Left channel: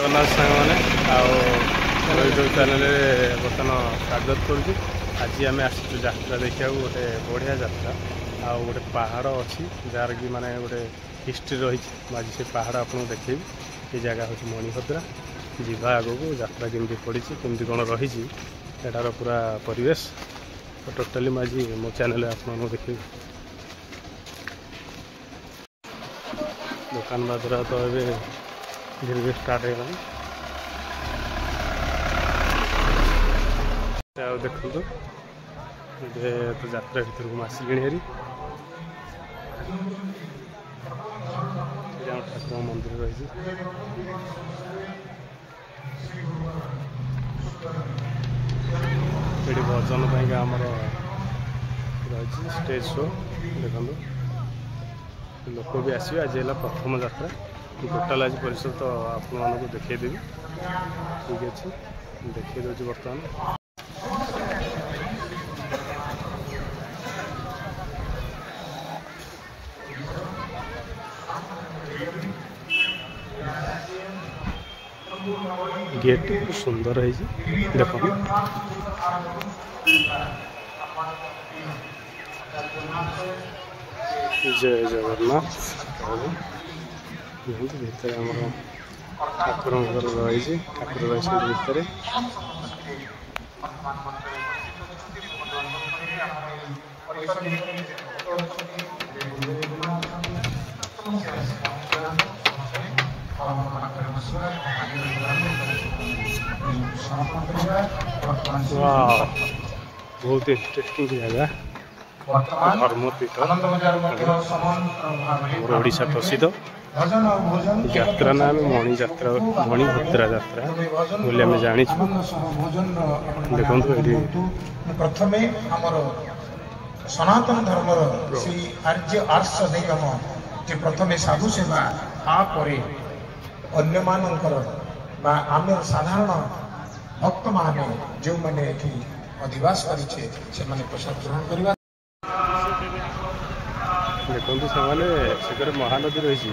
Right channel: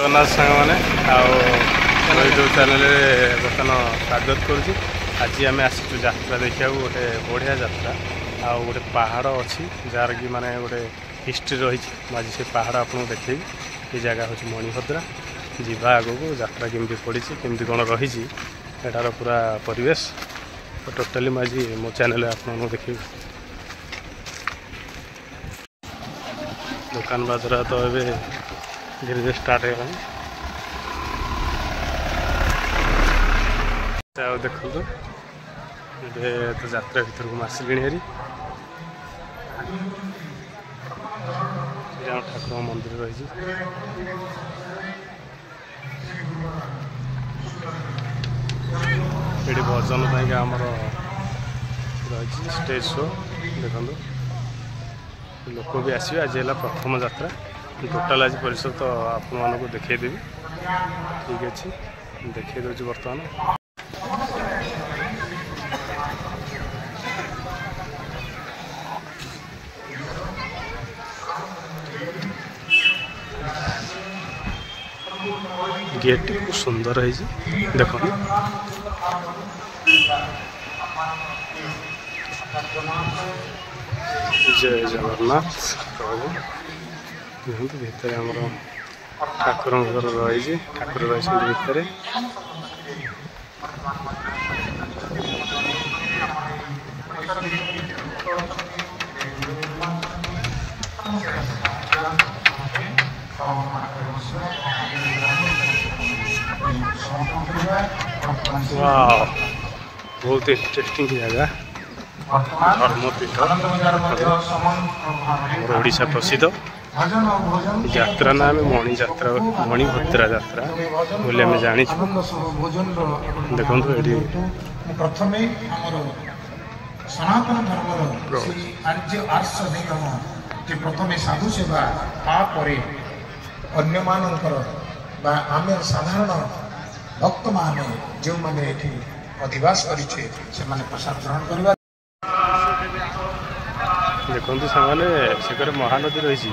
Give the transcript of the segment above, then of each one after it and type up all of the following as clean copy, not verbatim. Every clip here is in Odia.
जगन्नाथ सांग मैंने यूट्यूब चैनल बर्तमान स्वागत करुच्ची। आज आम आसचु यात्रा देखा गोटे बढ़िया यात्रा आ गोटे पहाड़ अच्छी जार कि माने गोटे हिस्ट्री रही। आज से पहाड़ आपको देखेबी। ये जगह हूँ मणिभद्रा। जीवा आग को यात्रा केमती पड़ी केमती कौन रही एटार पूरा परिवेश तो टोटाली मुझे मो चैनल आपको देखेबी। दुकान बाजार तो ये धीरे धीरे स्टार्ट हो देखो तो यात्रा भर को आसिली हेरी ठाकुर मंदिर रही। ये भजन आमर रही स्टेज शो देखो लोक भी आसवे। आज है प्रथम यात्रा टोटाल आज परिसर तो आपण मानक देखदेवी। ठीक अच्छे देखी दूसरी बर्तमान गेट खूब सुंदर है देख। जय जगन्नाथ प्रभु देखो भितर आमर ठाकुर रही ठाकुर रही भितर वाह बहुत इंटरेस्टिंग जगह धर्मपीठ मोर ओडिशा प्रसिद्ध यात्रा नाम मणि यात्रा मणिभद्रा यात्रा बोले आम जानी देखो ये प्रथम सनातन धर्म श्री आर्य आर्ष निगम जे प्रथम साधु सेवा तापर अन्य मानकर आम साधारण भक्त माने जो मैंने अधिवास करे प्रसाद ग्रहण करवा। देखो सामने से महानदी रही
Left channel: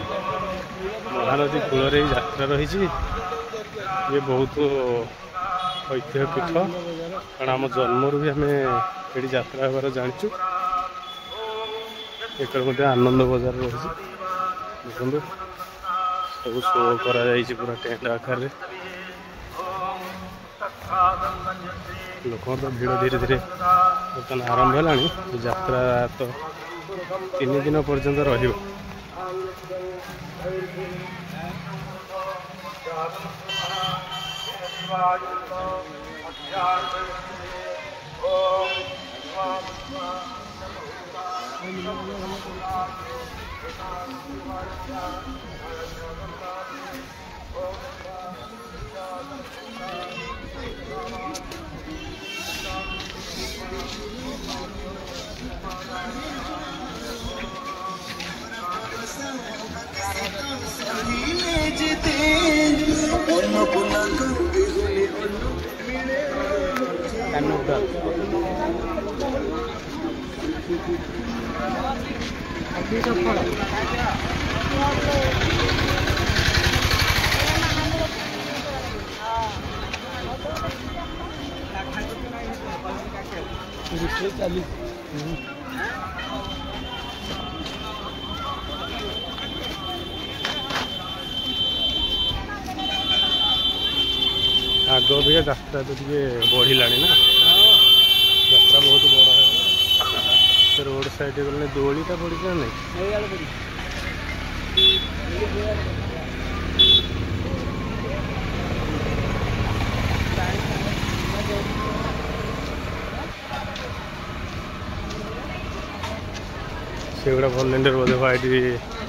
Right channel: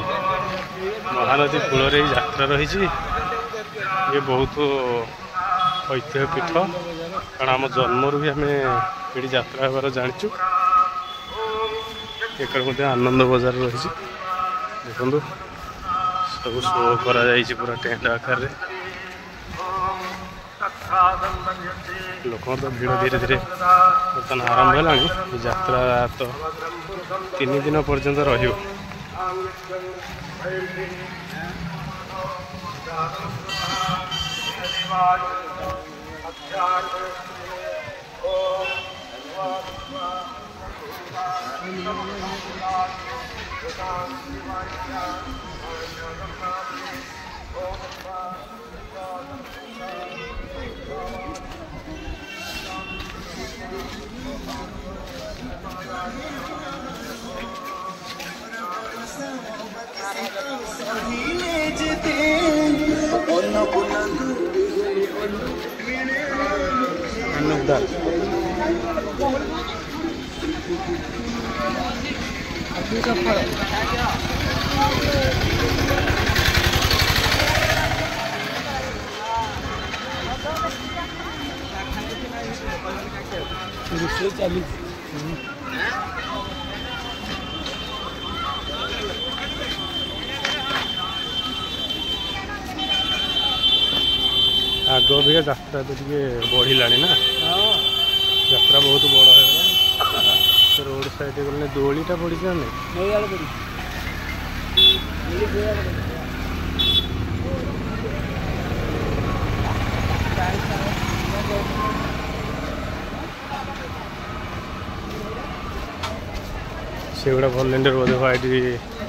महानदी कूल यात्रा रही। ये बहुत ऐतिह्य पीठ कारण आम जन्म भी आम ये यात्रा होबार जाचु। एक आनंद बजार रही देखो सब शो करा पूरा टेंट आकार लोक तो भीड़ धीरे धीरे बर्तमान आरंभ है। यात्रा तो 3 दिन पर्यंत रही। आग भी यात्रा तो बढ़ला ना यात्रा बहुत बड़ है। रोड साइड गले दोलीटा पड़ी ना से गुड़ा भलेंटियर बोधे व्हाइट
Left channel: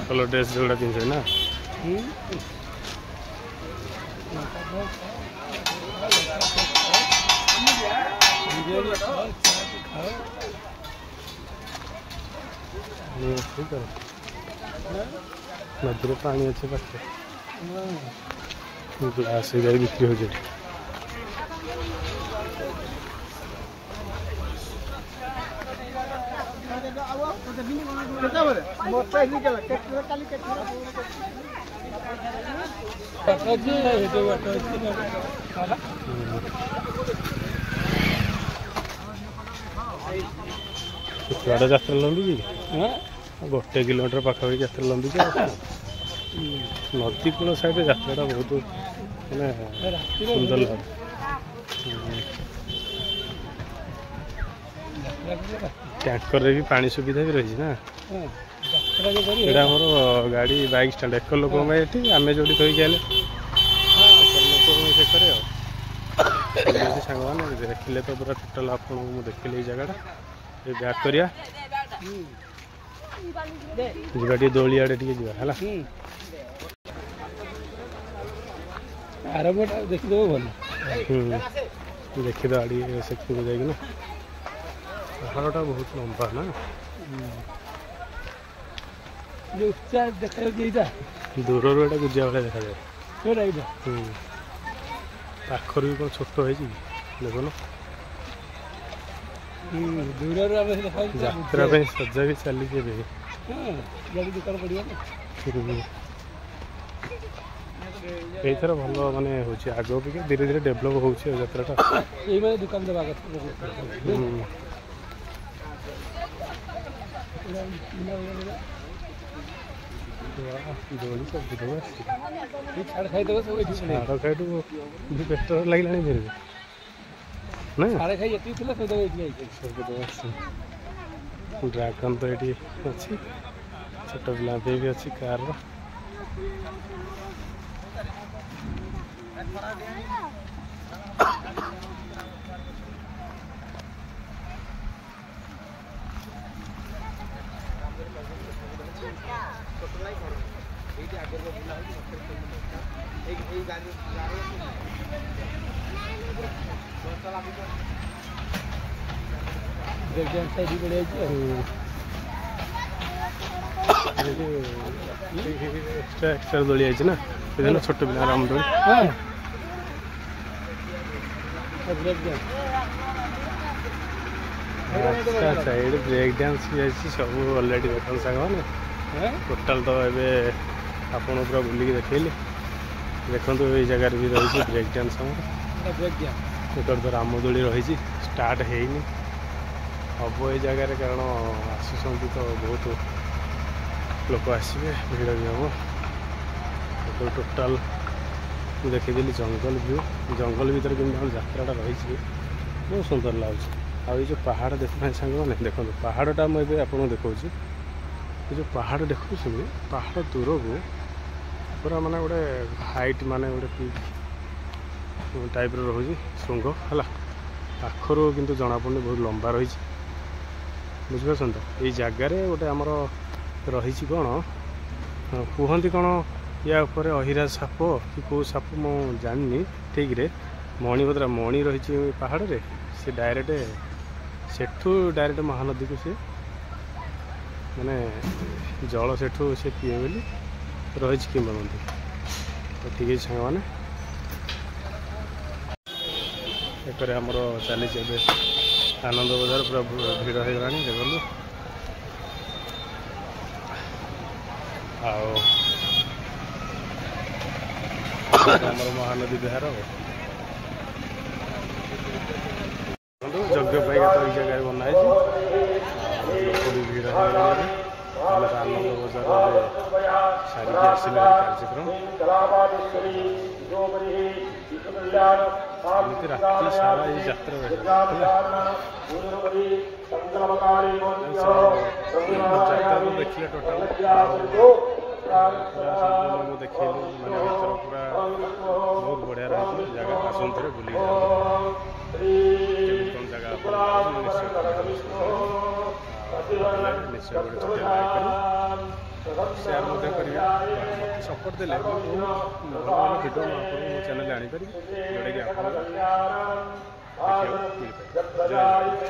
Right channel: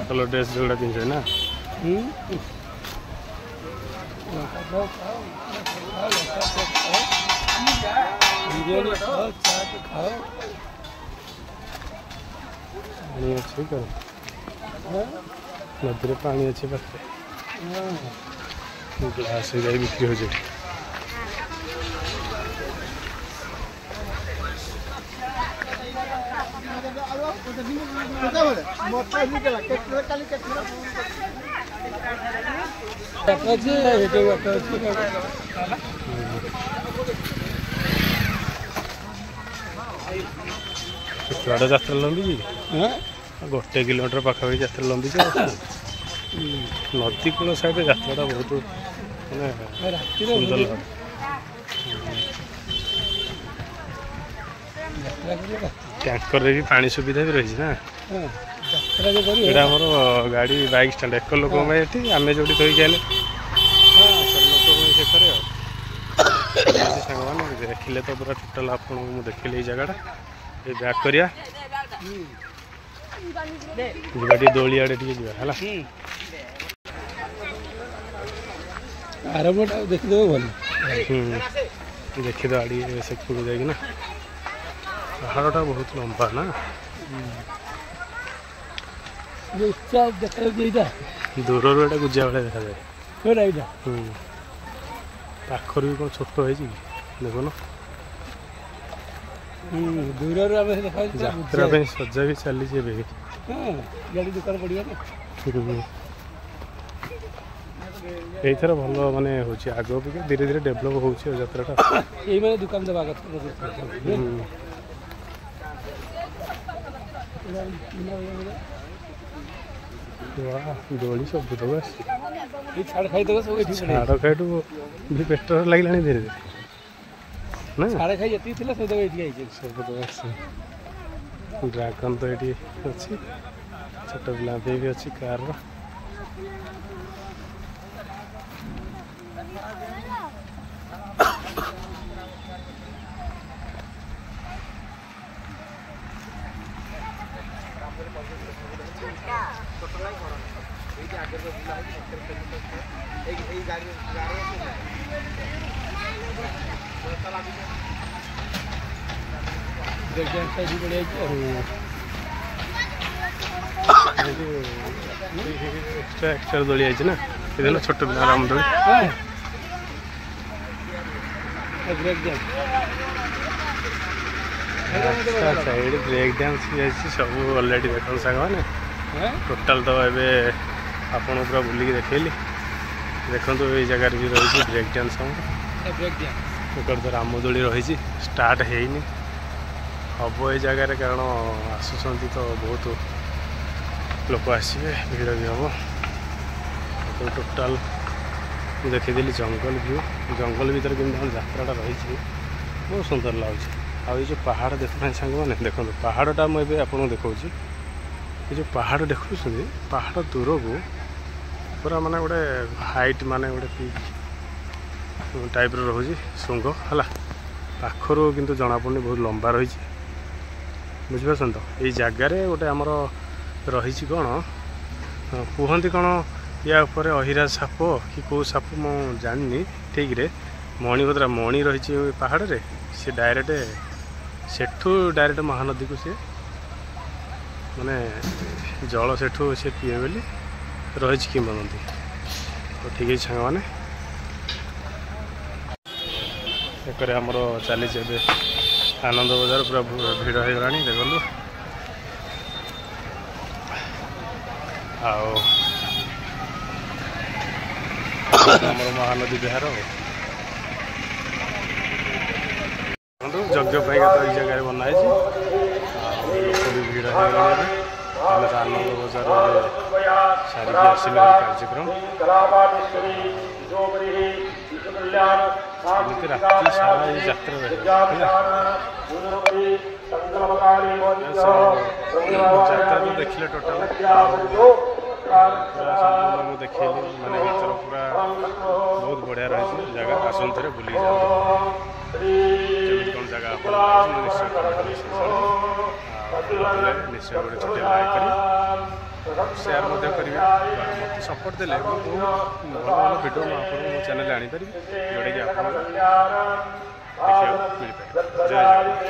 कलर ड्रेस जो पिंधे ना नदी पानी अच्छे पाखे ग्लास बिक्री हो जाए। କେତେବାଟ ଯାତ୍ରା ଲମ୍ବିଛି 1 କିଲୋମିଟର ପାଖାପାଖି ଯାତ୍ରା ଲମ୍ବିଛି। ନଦୀ କୂଳ ସାଇଡ଼ରେ ଯାତ୍ରାଟା ବହୁତ ମାନେ ସୁନ୍ଦର ଲାଗୁଛି। ଟ୍ୟାଙ୍କରରେ ବି ପାଣି ସୁବିଧା ବି ରହିଛି ନା। ଏଇଟା ଆମର ଗାଡ଼ି ବାଇକ୍ ଷ୍ଟାଣ୍ଡ 1 ଲୋକଙ୍କ ପାଇଁ ଏଠି, ଆମେ ଯେଉଁଠି ଧୋଇକି ଆଇଲେ 4 ଲୋକଙ୍କ ପାଇଁ ସେଠାରେ ଆଉ ସାଙ୍ଗମାନେ ଦେଖିଲେ ତ ପୁରା ଟୋଟାଲ୍ ଆପଣଙ୍କୁ ମୁଁ ଦେଖିଲି ଏଇ ଜାଗାଟା। ଏ ବ୍ୟାକ୍ କରିବା ଯିବା ଟିକେ ଦୋଳି ଆଡ଼େ ଟିକେ ଯିବା ହେଲା। ଦେଖିଦେବେ ଭଲ। ଦେଖିଦେବା ଟିକେ ସେପଟକୁ ଯାଇକିନା। ପାହାଡ଼ଟା ବହୁତ ଲମ୍ବା ନା। ଦୂରରୁ ଏଇଟା ଗୁଜିଆ ଭଳିଆ ଦେଖାଯାଏ। ପାଖରୁ ବି କ'ଣ ଛୋଟ ହେଇଛି କି ଦେଖୁନ। ଯାତ୍ରା ପାଇଁ ସଜା ବି ଚାଲିଛି ଏବେ। ଦୋକାନ ପଡ଼ିବ ନା। ଏଇଥର ଭଲ ମାନେ ହେଉଛି, ଆଗ ଅପେକ୍ଷା ଧୀରେ ଧୀରେ ଡେଭଲପ୍ ହେଉଛି ଆଉ ଯାତ୍ରାଟା। ଏଇମାନେ ଦୋକାନ ଦେବା କଥା। ଦୋଳି ସବୁ ଦେବ ଆସିଛି। ଛାଡ଼ ଖାଇଦେବେ ସବୁ ଏଠି। ଛାଡ଼ ଖାଇଠୁ ବି ପେଟ ଲାଗିଲାଣି ଧୀରେ ଧୀରେ ନା। ଛାଡ଼ ଖାଇ ଯେତିକି ଥିଲା ସେ ଦେବେ ଏଠି ଆଇଛି। ସବୁ ଦେବ ଆସିଛି। ଡ୍ରାଗନ୍ ତ ଏଠି ଅଛି, ଛୋଟ ପିଲାଙ୍କ ପାଇଁ ବି ଅଛି କାର୍ର। ଏକ୍ସଟ୍ରା ଦୋଳି ଆଇଛି ନା, ସେଦିନ ଛୋଟ ପିଲା ରାମ ଦୋଳି। ଆଚ୍ଛା, ଏଇଠି ବ୍ରେକ୍ ଡ୍ୟାନ୍ସ ବି ଅଛି ସବୁ ଅଲରେଡ଼ି ଦେଖନ୍ତୁ ସାଙ୍ଗମାନେ। ଟୋଟାଲ୍ ତ ଏବେ ଆପଣ ପୁରା ବୁଲିକି ଦେଖେଇଲି। ଦେଖନ୍ତୁ ଏଇ ଜାଗାରେ ବି ରହିଛି ବ୍ରେକ୍ ଡ୍ୟାନ୍ସ ଆମର। ଏକରେ ତ ରାମଦୋଳି ରହିଛି, ଷ୍ଟାର୍ଟ ହେଇନି, ହବ ଏଇ ଜାଗାରେ, କାରଣ ଆସୁଛନ୍ତି ତ ବହୁତ ଲୋକ ଆସିବେ, ଭିଡ଼ ବି ହେବ। ଟୋଟାଲ୍ ମୁଁ ଦେଖିଦେଲି ଜଙ୍ଗଲ ଭିଉ। ଜଙ୍ଗଲ ଭିତରେ କେମିତି ଆମର ଯାତ୍ରାଟା ରହିଛି ବହୁତ ସୁନ୍ଦର ଲାଗୁଛି। ଆଉ ଏଇ ଯେଉଁ ପାହାଡ଼ ଦେଖୁନାହାନ୍ତି ସାଙ୍ଗମାନେ, ଦେଖନ୍ତୁ ପାହାଡ଼ଟା ମୁଁ ଏବେ ଆପଣଙ୍କୁ ଦେଖାଉଛି। ଏ ଯେଉଁ ପାହାଡ଼ ଦେଖୁଛନ୍ତି, ପାହାଡ଼ ଦୂରକୁ ପୁରା ମାନେ ଗୋଟେ ହାଇଟ୍, ମାନେ ଗୋଟେ ଟାଇପ୍ର ରହୁଛି ଶୃଙ୍ଗ ହେଲା। ପାଖରୁ କିନ୍ତୁ ଜଣାପଡ଼ୁନି, ବହୁତ ଲମ୍ବା ରହିଛି। ବୁଝିପାରୁଛନ୍ତି ତ? ଏଇ ଜାଗାରେ ଗୋଟେ ଆମର ରହିଛି କ'ଣ କୁହନ୍ତି, କ'ଣ ୟା ଉପରେ ଅହିରାଜ ସାପ କି କେଉଁ ସାପ ମୁଁ ଜାଣିନି ଠିକ୍ରେ। ମଣିପଦ୍ରା ମଣି ରହିଛି ପାହାଡ଼ରେ। ସେ ଡାଇରେକ୍ଟ ସେଠୁ ଡାଇରେକ୍ଟ ମହାନଦୀକୁ ସିଏ ମାନେ ଜଳ ସେଠୁ ସେ ପିଏ ବୋଲି ରହିଛି କିମ୍ବଦନ୍ତୀ। ତ ଠିକ୍ ଅଛି ସାଙ୍ଗମାନେ, ଏକରେ ଆମର ଚାଲିଛି ଏବେ ଆନନ୍ଦ ବଜାର, ପୁରା ଭିଡ଼ ହେଇଗଲାଣି ଦେଖନ୍ତୁ। ଆଉ ଆମର ମହାନଦୀ ବିହାର ଦେଖନ୍ତୁ। ଯଜ୍ଞ ପାଇଁକା ତ ଏଇ ଜାଗାରେ ବନା ହେଇଛି। ଆଉ ଲୋକ ବି ଭିଡ଼ ହେଇଗଲାଣି। ଏବେ ଆମେ ତ ଆନନ୍ଦ ବଜାର ଏବେ ସାରିକି ଆସିଲୁ କାର୍ଯ୍ୟକ୍ରମ। ଏମିତି ରାତି ସାରା ଏଇ ଯାତ୍ରା ରହିବ ହେଲା। ଯାତ୍ରା ତ ଦେଖିଲେ ଟୋଟାଲ ସମ୍ପୂର୍ଣ୍ଣ ମୁଁ ଦେଖେଇଲି, ମାନେ ଭିତର ପୁରା ବହୁତ ବଢ଼ିଆ ରହିଛି ଜାଗା। ଆସନ୍ତୁ ଥରେ ବୁଲିକି ଯାଆନ୍ତୁ। କେମିତି କ'ଣ ଜାଗା ଆପଣ ଲାଗୁଛି ମୁଁ ନିଶ୍ଚୟ କମେଣ୍ଟ ନିଶ୍ଚୟ ଜଣାଇବି। ଆଉ ନିଶ୍ଚୟ ଗୋଟେ ଛୋଟିଆ ଲାଇକ୍ କରି ସେୟାର ମଧ୍ୟ କରିବେ। ମୋତେ ସପୋର୍ଟ ଦେଲେ ମୁଁ ବହୁତ ଭଲ ଭଲ ଭିଡ଼ିଓ ମୁଁ ଆପଣଙ୍କୁ ମୋ ଚ୍ୟାନେଲରେ ଆଣିପାରିବି, ଯେଉଁଟାକି ଆପଣଙ୍କୁ ଦେଖିବାକୁ ମିଳିପାରିବ। ଜୟ ଜଗନ୍ନାଥ।